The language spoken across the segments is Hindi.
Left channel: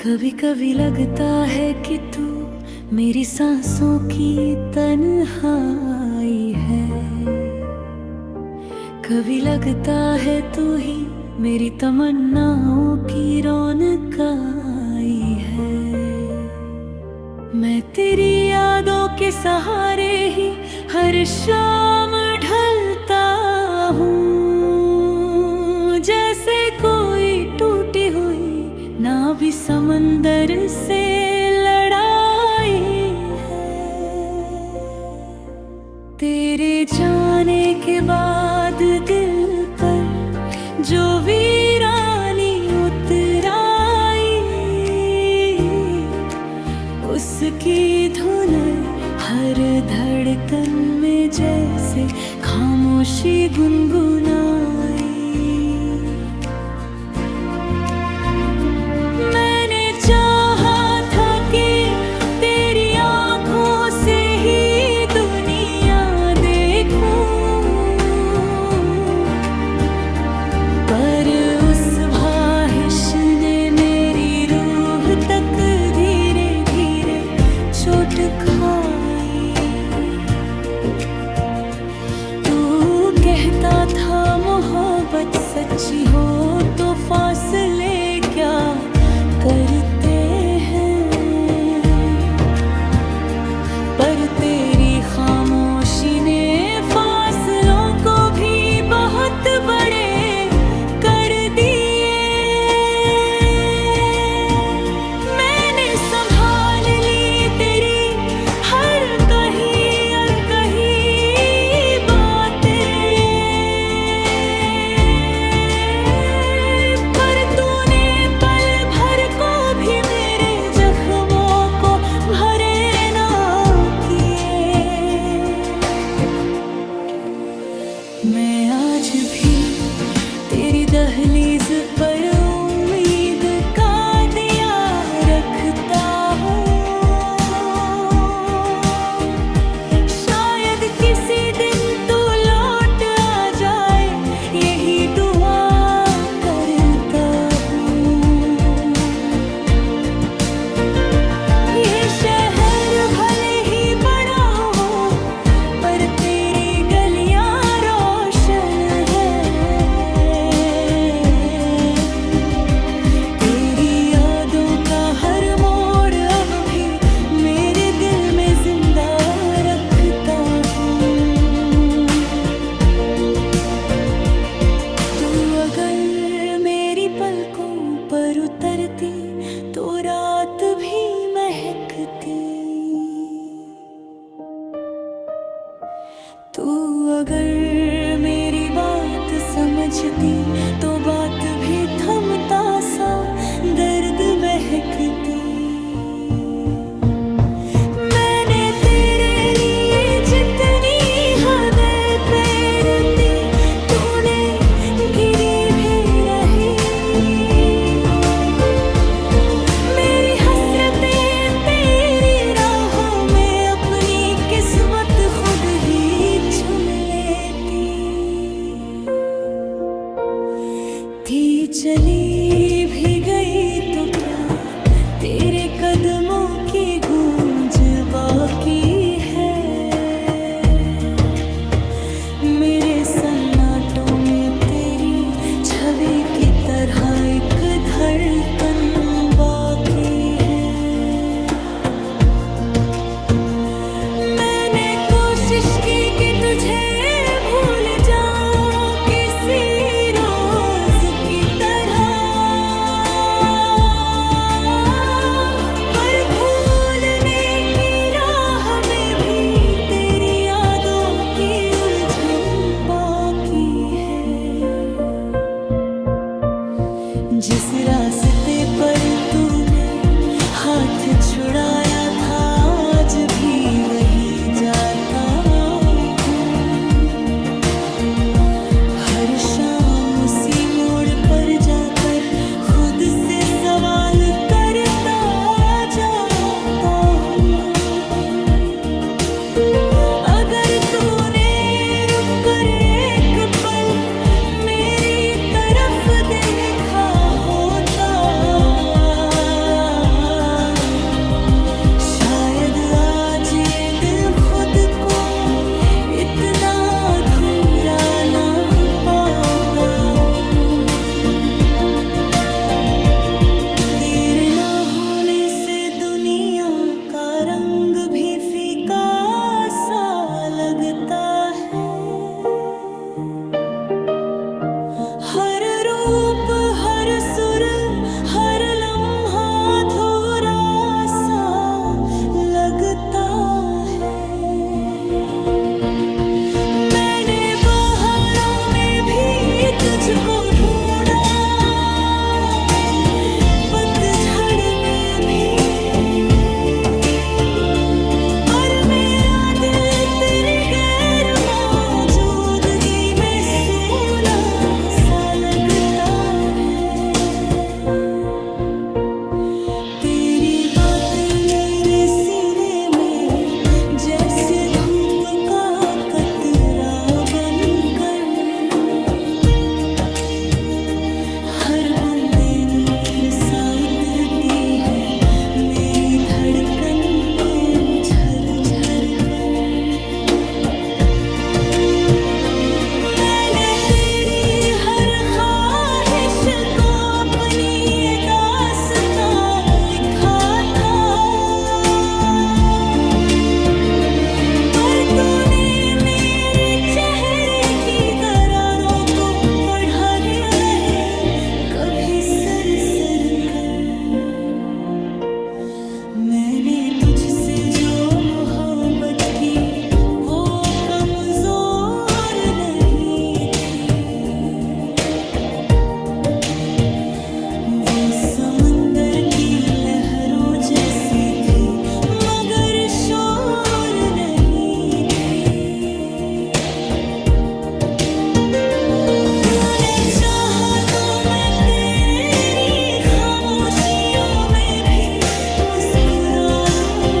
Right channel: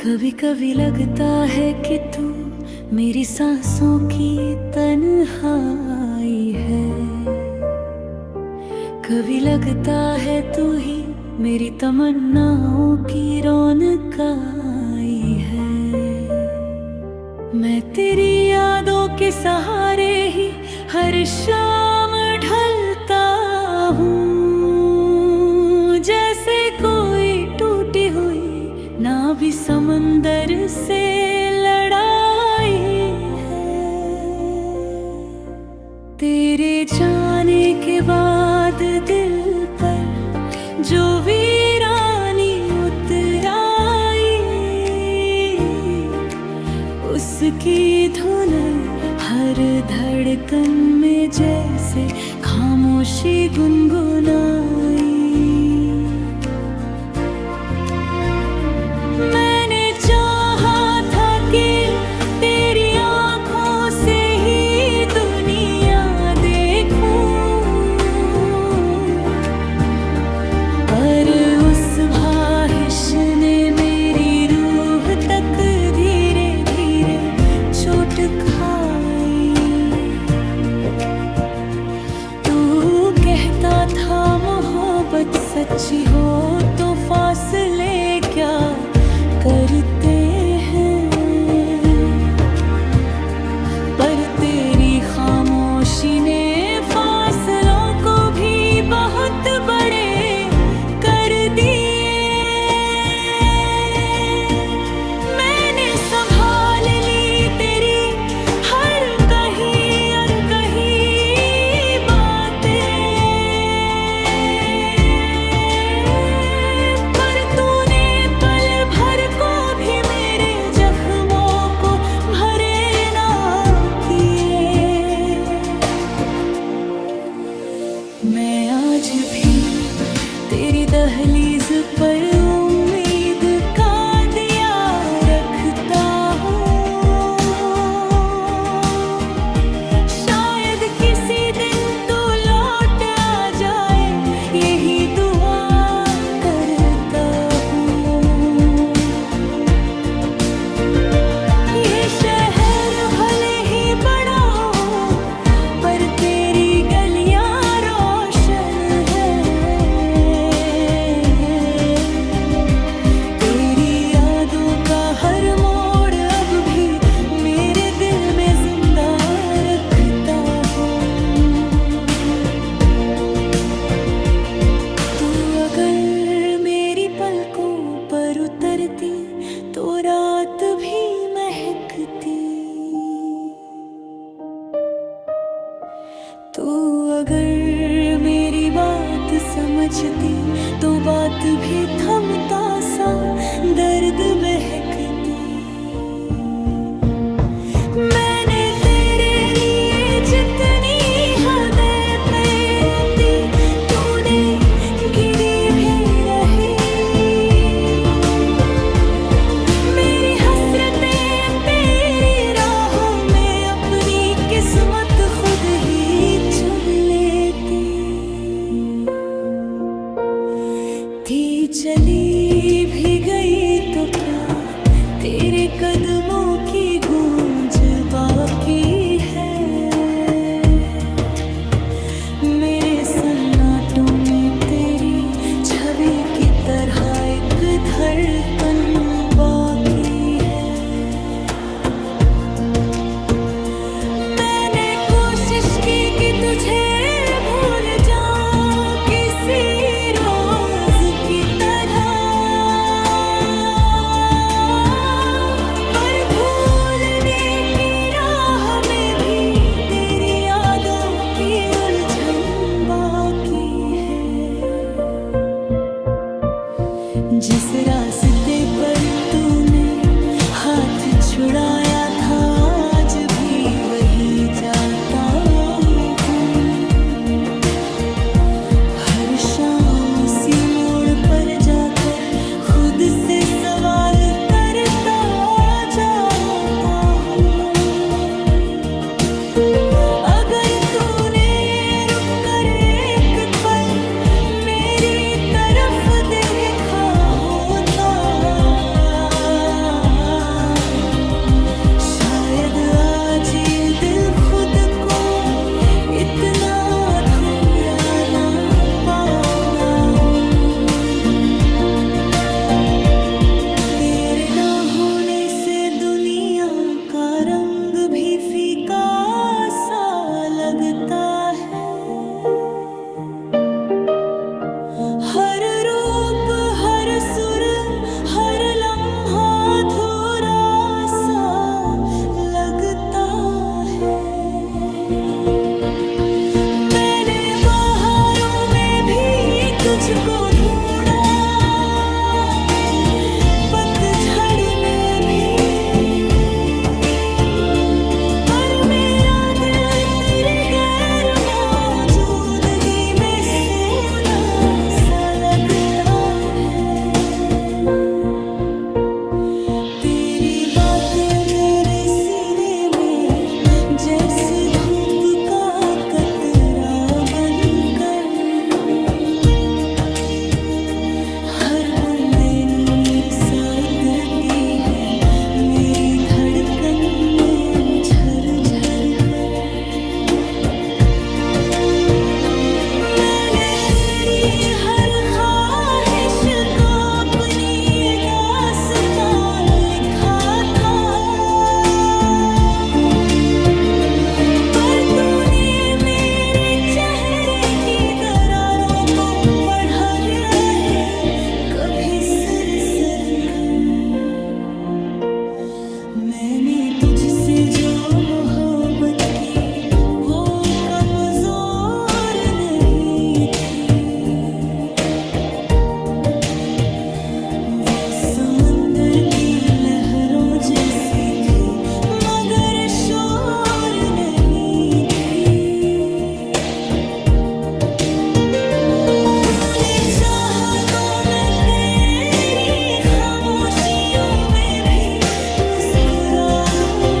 कभी कभी लगता है कि तू मेरी सांसों की तन्हाई है। कभी लगता है तू ही मेरी तमन्नाओं की रौनक आई है। मैं तेरी यादों के सहारे ही हर शाम ढलता हूँ, जैसे कोई टूटी हुई ना भी समंदर से लड़ाई है। तेरे जाने के बाद दिल पर जो वीरानी उतर आई, उसकी धुन हर धड़कन में जैसे खामोशी गुनगुनाई। मैंने चाहा था कि तेरी आंखों से ही दुनिया देखूं, पर उस ख्वाहिश ने मेरी रूह तक धीरे धीरे चोट खाई। तू कहता था मोहब्बत सच्ची हो तो फासले क्या करते हैं, पर तेरी खामोशी ने फासलों को भी बहुत बड़े कर दिए। मैंने संभाल ली तेरी हर कही और कही बातें, पर तूने पल भर को भी मेरे जख्मों को भरे ना किए। मैं आज भी तेरी दहलीज पर उम्मीद का दिया रखता हूँ। शायद किसी दिन तू लौट आ जाए, यही दुआ करता हूँ। ये शहर भले ही बड़ा हो, पर तेरी गलियां रोशन है। तेरी यादों का हर मोड़ अब भी मेरे दिल में जिंदा रखता हूँ। तू अगर मेरी पलकों पर उतरती तो रात भी महकती। तू अगर मेरी बात समझती तो बात भी थमता सा दर्द बहकती। मैंने तेरे लिए जितनी हदें पेरती, तूने गिरी भी रही। मेरी हसरतें तेरी राहों में अपनी किस्मत खुद ही चुन लेती। थी चली भी गई तो क्या, तेरे कदमों की गूंज बाकी है। मेरे सन्नाटों में तेरी छवि की तरह एक धड़कन बाकी है। मैंने कोशिश की कि तुझे भूल जाऊं किसी रोज की तरह, पर भूलने की राह में भी तेरी यादों की उलझन बाकी है। जिस रास्ते पर तूने हाथ छुड़ाया था, आज भी वही जाता हूँ। हर शाम उसी मोड़ पर जाकर खुद से सवाल करता जाता हूँ। अगर तूने रुक कर एक पल मेरी तरफ देखा होता, भी फीका सा लगता है। हर रूप हर सुर हर लम्हा अधूरा सा लगता है। मैंने बहारों में भी तुझको ढूंढा, पतझड़ में भी, पर मेरा दिल तेरी गैर मौजूदगी में सूना सा लगता है। तेरी बातें मेरे सीने में जैसे धूप का कतरा बनकर, हर बूंदे नूर सा उतरती है मेरी धड़कन में झर झर कर। मैंने तेरी हर ख्वाहिश को अपनी दास्तां लिखा था, पर तूने मेरे चेहरे की दरारों को पढ़ा नहीं कभी सर सर कर। मैंने तुझसे जो मोहब्बत की वो कमजोर नहीं थी, वो समंदर की लहरों जैसी थी मगर शोर नहीं थी। तूने चाहा तो मैं तेरी खामोशियों में भी मुस्कुरा दूं,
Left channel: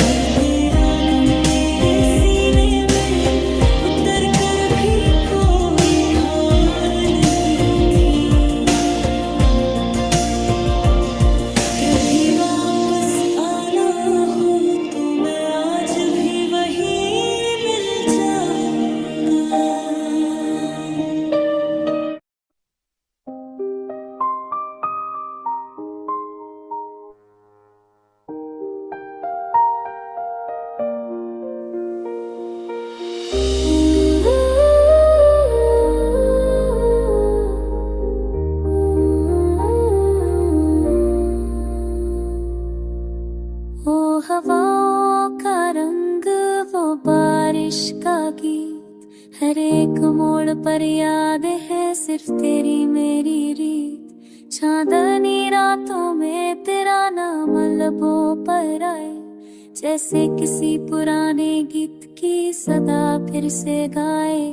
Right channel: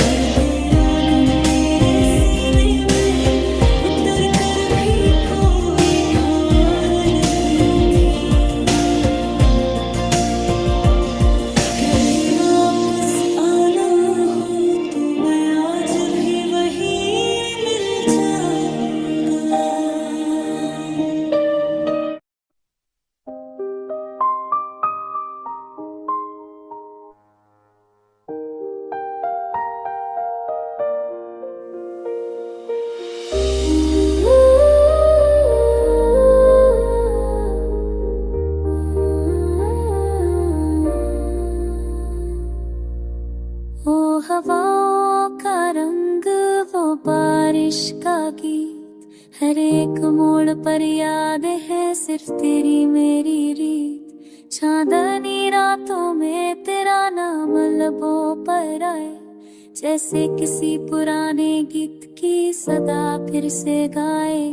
पर तेरा गम मेरे सीने में उतर कर भी कोई ठोर नहीं थी। कभी वापस आना हो तो मैं आज भी वही मिल जाऊंगा। ओ हवाओं का रंग वो बारिश का गीत, हर एक मोड़ पर याद है सिर्फ तेरी मेरी रीत। चांदनी रातों में तेरा नाम लबों पर आए, जैसे किसी पुराने गीत की सदा फिर से गाए।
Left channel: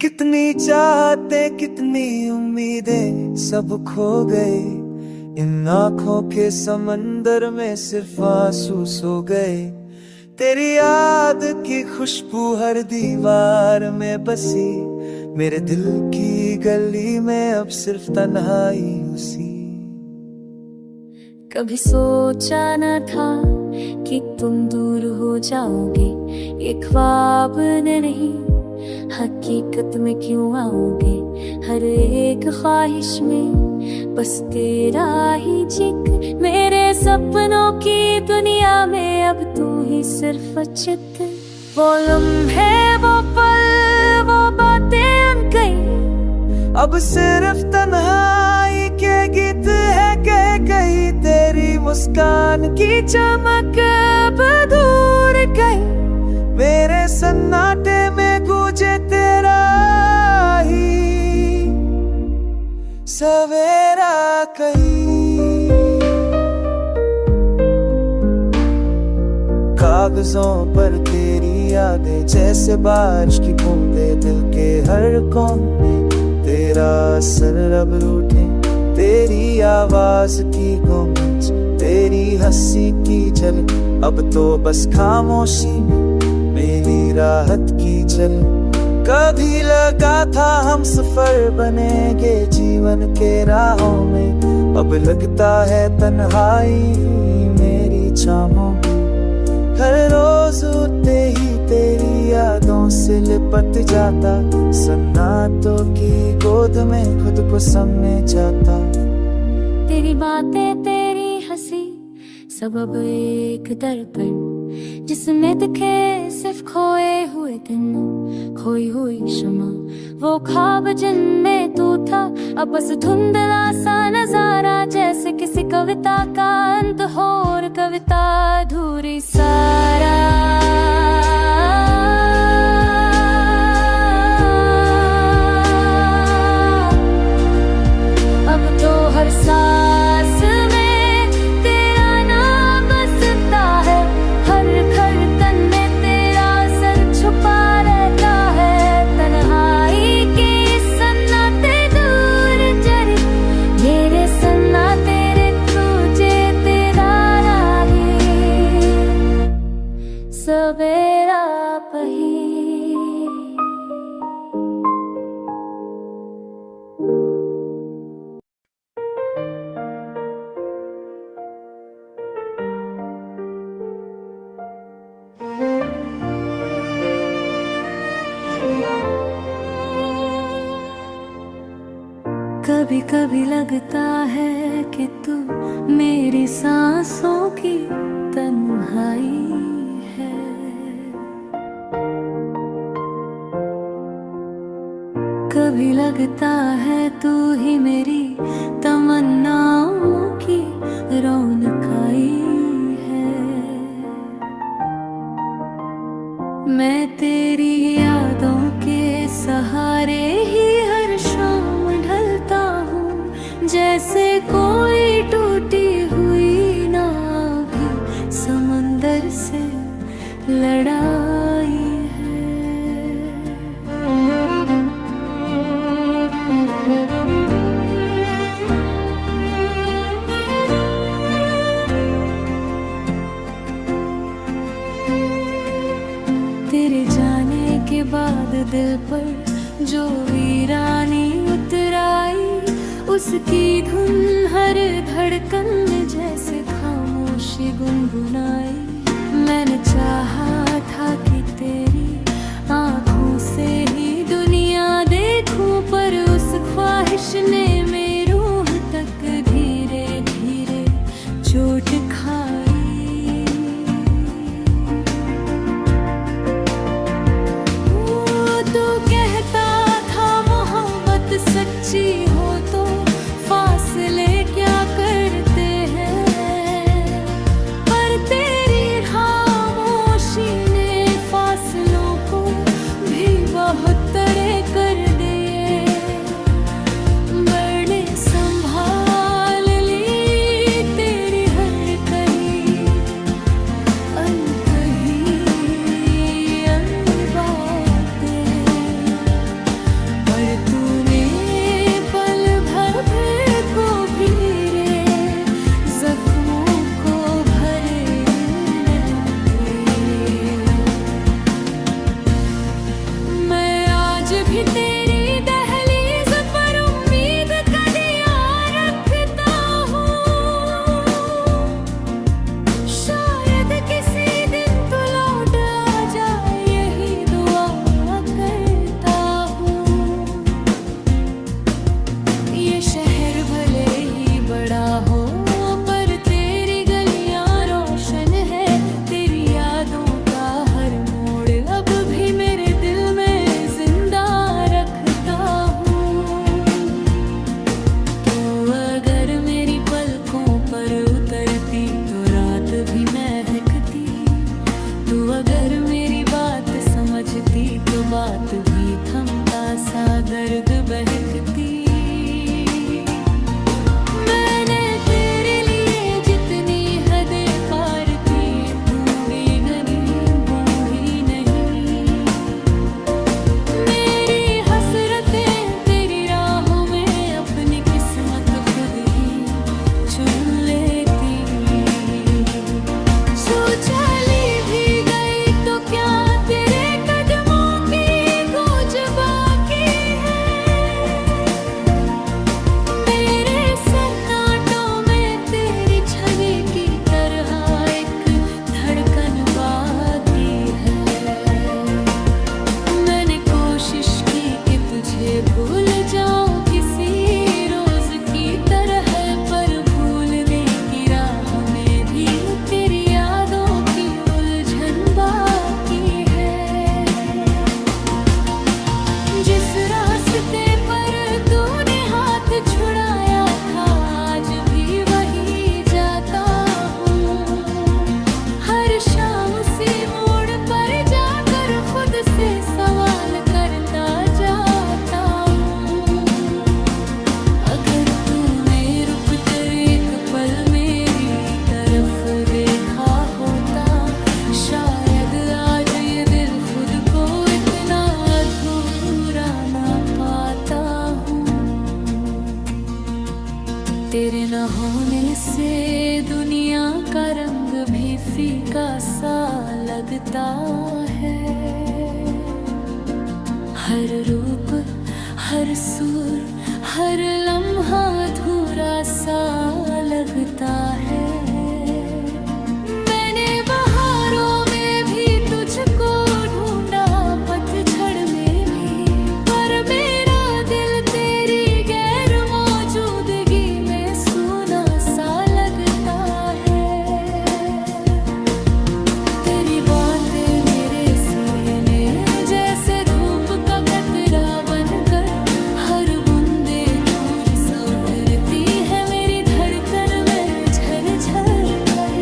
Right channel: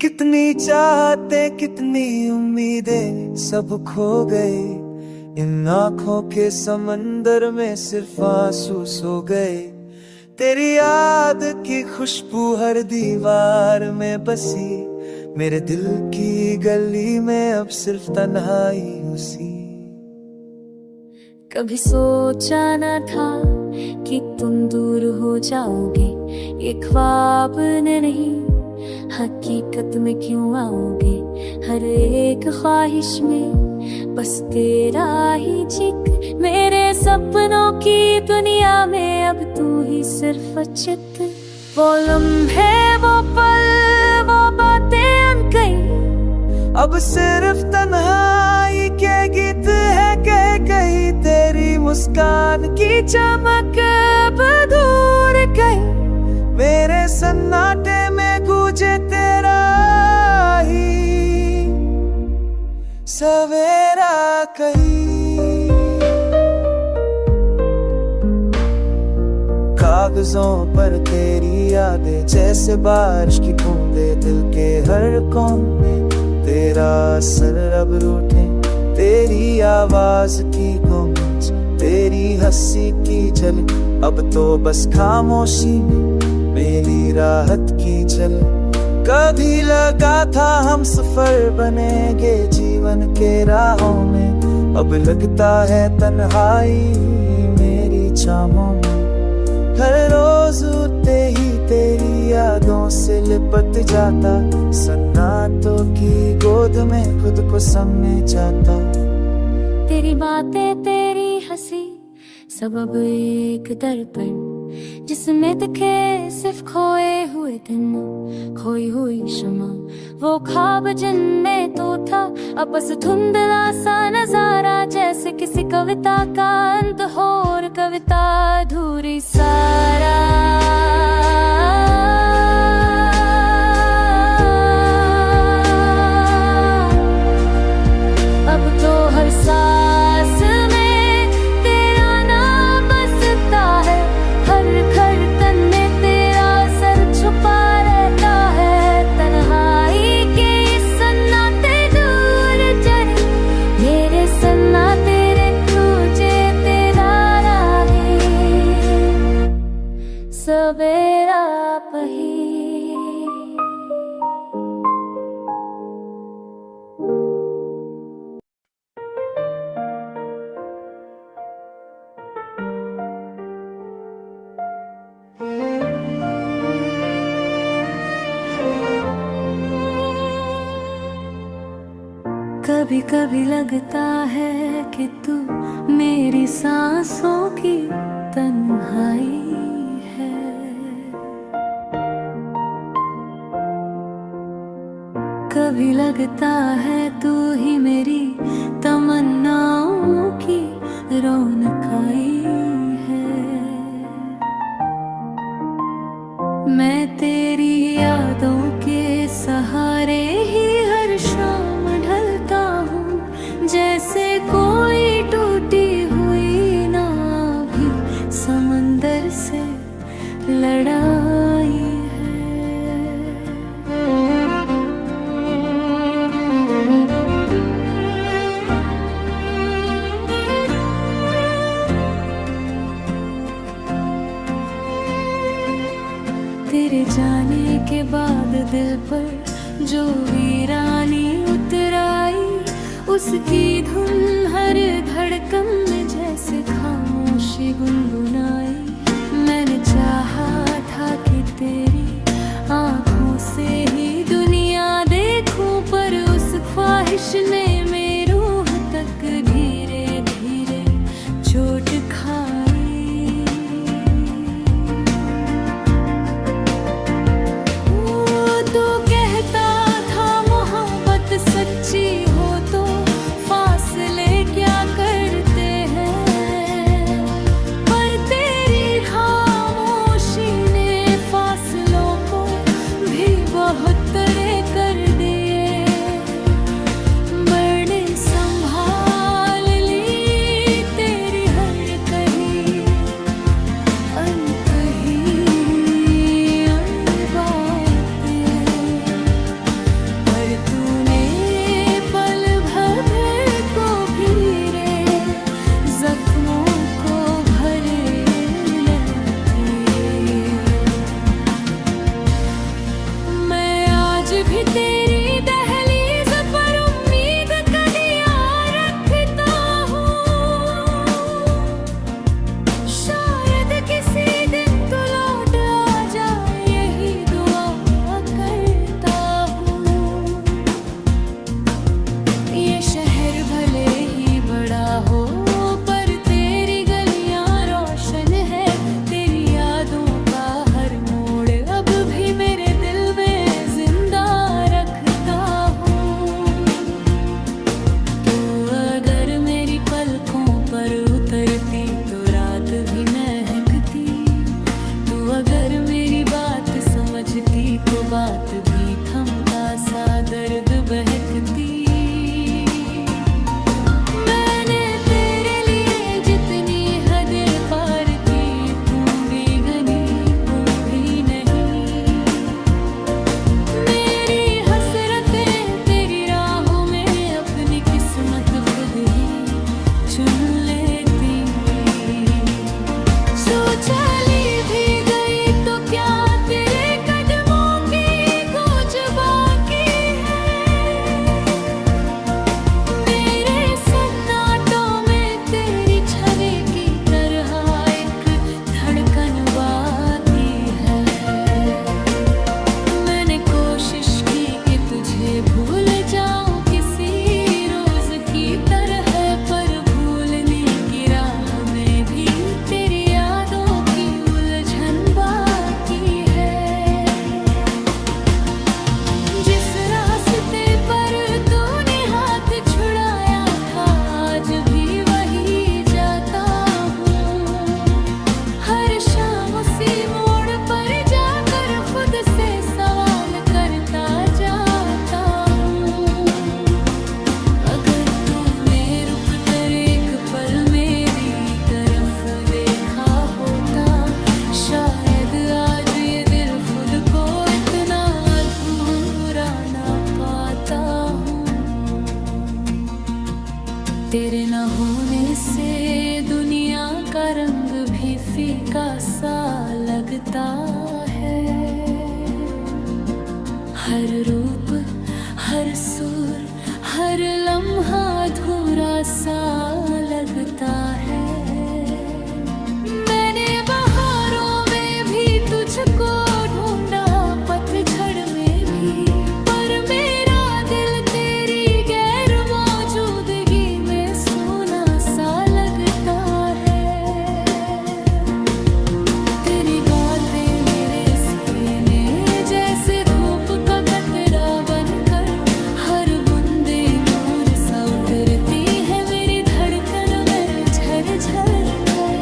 कितनी चाहते कितनी उम्मीदें सब खो गए, इन आँखों के समंदर में सिर्फ आंसू सो गए। तेरी याद की खुशबू हर दीवार में बसी, मेरे दिल की गली में अब सिर्फ तन्हाई हुसी। कभी सोचा न था कि तुम दूर हो जाओगे, ये ख्वाब ने नहीं हकीकत में क्यों आओगे। हर एक ख्वाहिश में बस तेरा ही जिक्र, मेरे सपनों की दुनिया में अब तू ही सिर्फ चित्र। वो लम्हे वो पल वो बातें अनकही, अब सिर्फ तन्हाई के गीत है कह कहीं। तेरी मुस्कान की चमक अब दूर गई, मेरे सन्नाटे में गूंजे तेरा ही सवेरा कहीं। कागजों पर तेरी यादें जैसे बारिश की बूंदें, दिल के हर कोने तेरा असर अब रूठे। तेरी आवाज की गूंज तेरी हंसी की झलक, अब तो बस खामोशी में मेरी राहत की झलक। कभी लगा था हम सफर बनेंगे जीवन के राहों में, अब लगता है तन्हाई मेरी चाहों में। हर रोज उठते ही तेरी यादों से लिपट जाता, सन्नाटों की गोद में खुद को समझ जाता। तेरी बातें तेरी हंसी सब अब एक दर्पण जिसमें दिखे सिर्फ खोए हुए दिन, खोई हुई क्षमा, वो ख्वाब जिनमें तू था, अब बस धुंधला सा नजारा, जैसे किसी कविता का अंत हो और कविता अधूरी सारा। अब तो हर सांस में तेरा नाम बसता है, हर धड़कन में तेरा सर छुपा रहता है। तन्हाई के सन्नाटे दूर चले, मेरे सन्नाटे रे तुझे तेरा राहे, सवेरा पही। कभी कभी लगता है कि तू मेरी सांसों की तन्हाई है, कभी लगता है तू ही मेरी तमन्नाओं की रौनकाई है। मैं तेरी यादों के सहारे ही हर शाम ढलता हूँ, जैसे कोई टूटी हुई नाव भी समंदर से लड़ाई है। तेरे जाने के बाद दिल पर जो वीरानी उतर आई, उसकी धुन हर धड़कन में जैसे खामोशी गुनगुनाई। मैंने चाहा था कि तेरी आँखों से ही दुनिया देखूं, पर उस ख्वाहिश ने मेरी रूह तक धीरे धीरे चोट खाई। सच्ची हो तो फासले क्या करते हैं, पर तेरी खामोशी ने फासलों को भी बहुत तय कर दिए। बड़े संभाल ली तेरी हर कही अनकही बातें, पर तूने जख्मों को भरे मैं आज भी तेरी दहलीज पर उम्मीद का दिया रखता हूँ। शायद किसी दिन तू लौट आ जाए, यही दुआ करता हूँ। ये शहर भले ही बड़ा हो, पर उतरती तो रात भी महकती। तू अगर मेरी बात समझती तो बात भी थमता सा दर्द बहकती। मैंने तेरे लिए जितनी हदें पार की, भूंगी गनी भूंगी नहीं। मेरी हसरतें तेरी राहों में अपनी किस्मत खुद ही चुन लेती। चली भी गई तो क्या तेरे कदमों की गूंज बाकी है। तेरे न होने से दुनिया का रंग भी फीका सा लगता है। हर रूप, हर सुर, हर लम्हा अधूरा सा लगता है। मैंने बहारों में भी तुझको ढूंढा, पतझड़ में भी, पर मेरा दिल तेरी गैर मौजूदगी में सूना सा लगता है। तेरी बातें मेरे सीने जैसे धूप का कतरा बनकर, हर बूंदे नूर सा उतरती है मेरी धड़कन में झर-झर कर।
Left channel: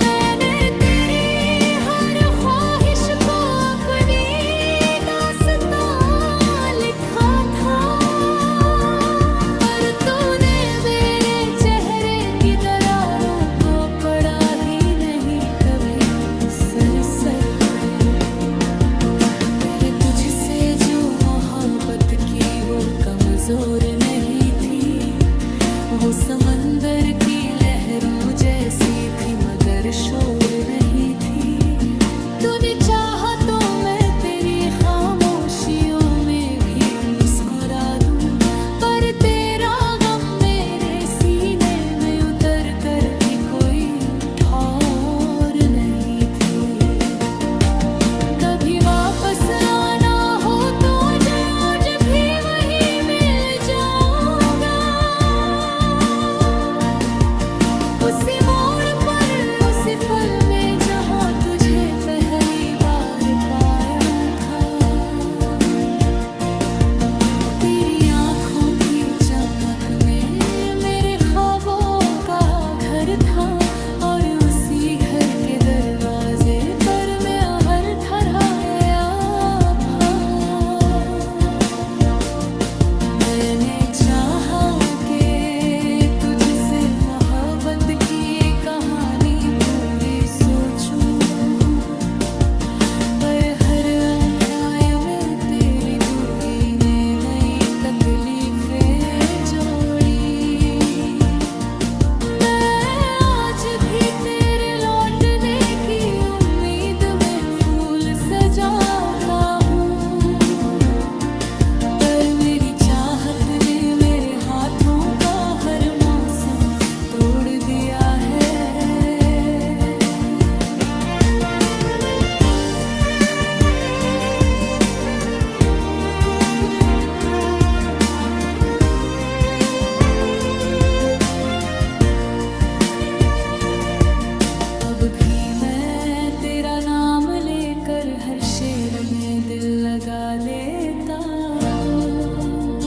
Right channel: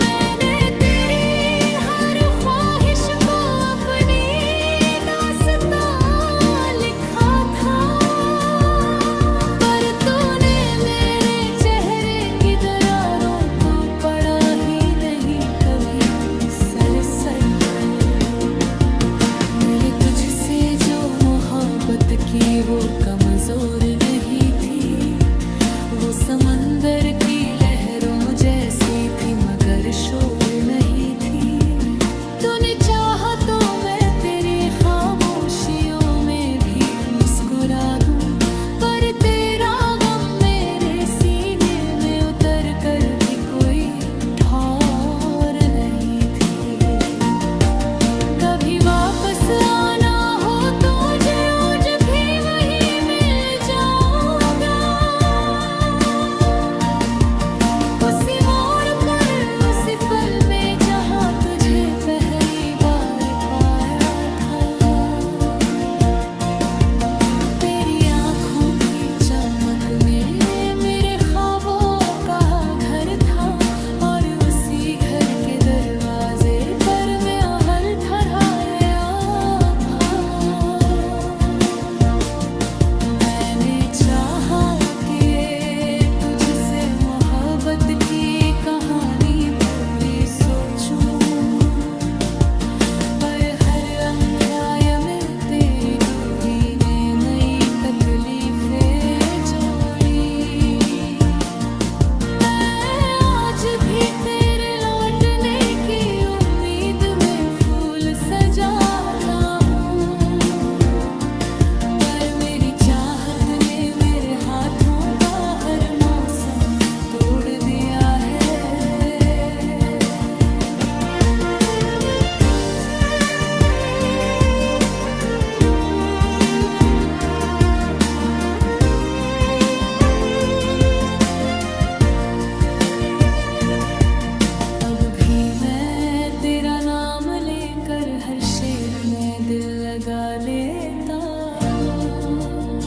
मैंने तेरी हर ख्वाहिश को अपनी दास्तां लिखा था, पर तूने मेरे चेहरे की दरारों को पढ़ा ही नहीं कभी सर कर। मैंने तुझसे जो मोहब्बत की वो कमजोर नहीं थी, वो समंदर की लहरों जैसी थी मगर शोर नहीं थी। तूने चाहा तो मैं तेरी खामोशियों में भी मुस्कुरा दूं, पर तेरा गम मेरे सीने में उतर कर भी कोई ठौर नहीं थी। कभी वापस आना हो तो रोज भी वहीं मिल जाऊंगा, उसी मोड़ पर, उसी पल में जहां तुझे पहली बार पाया था। तेरी आंखों की चमक में मेरे ख्वाबों का घर था, और उसी घर के दरवाजे पर मैं हर ठहराया था। मैंने चाहा कि तुझसे मोहब्बत की कहानी पूरी सोचूं, पर हर अध्याय में तेरी दूरी ने नई तकलीफें जोड़ी। मैं आज भी तेरे लौटने की उम्मीद में फूल सजाता हूँ, पर मेरी चाहत ने मेरे हाथों का हर मौसम तोड़ दिया है। अब भी मैं तेरा नाम लेकर हर शेर में दिल लगा लेता हूँ।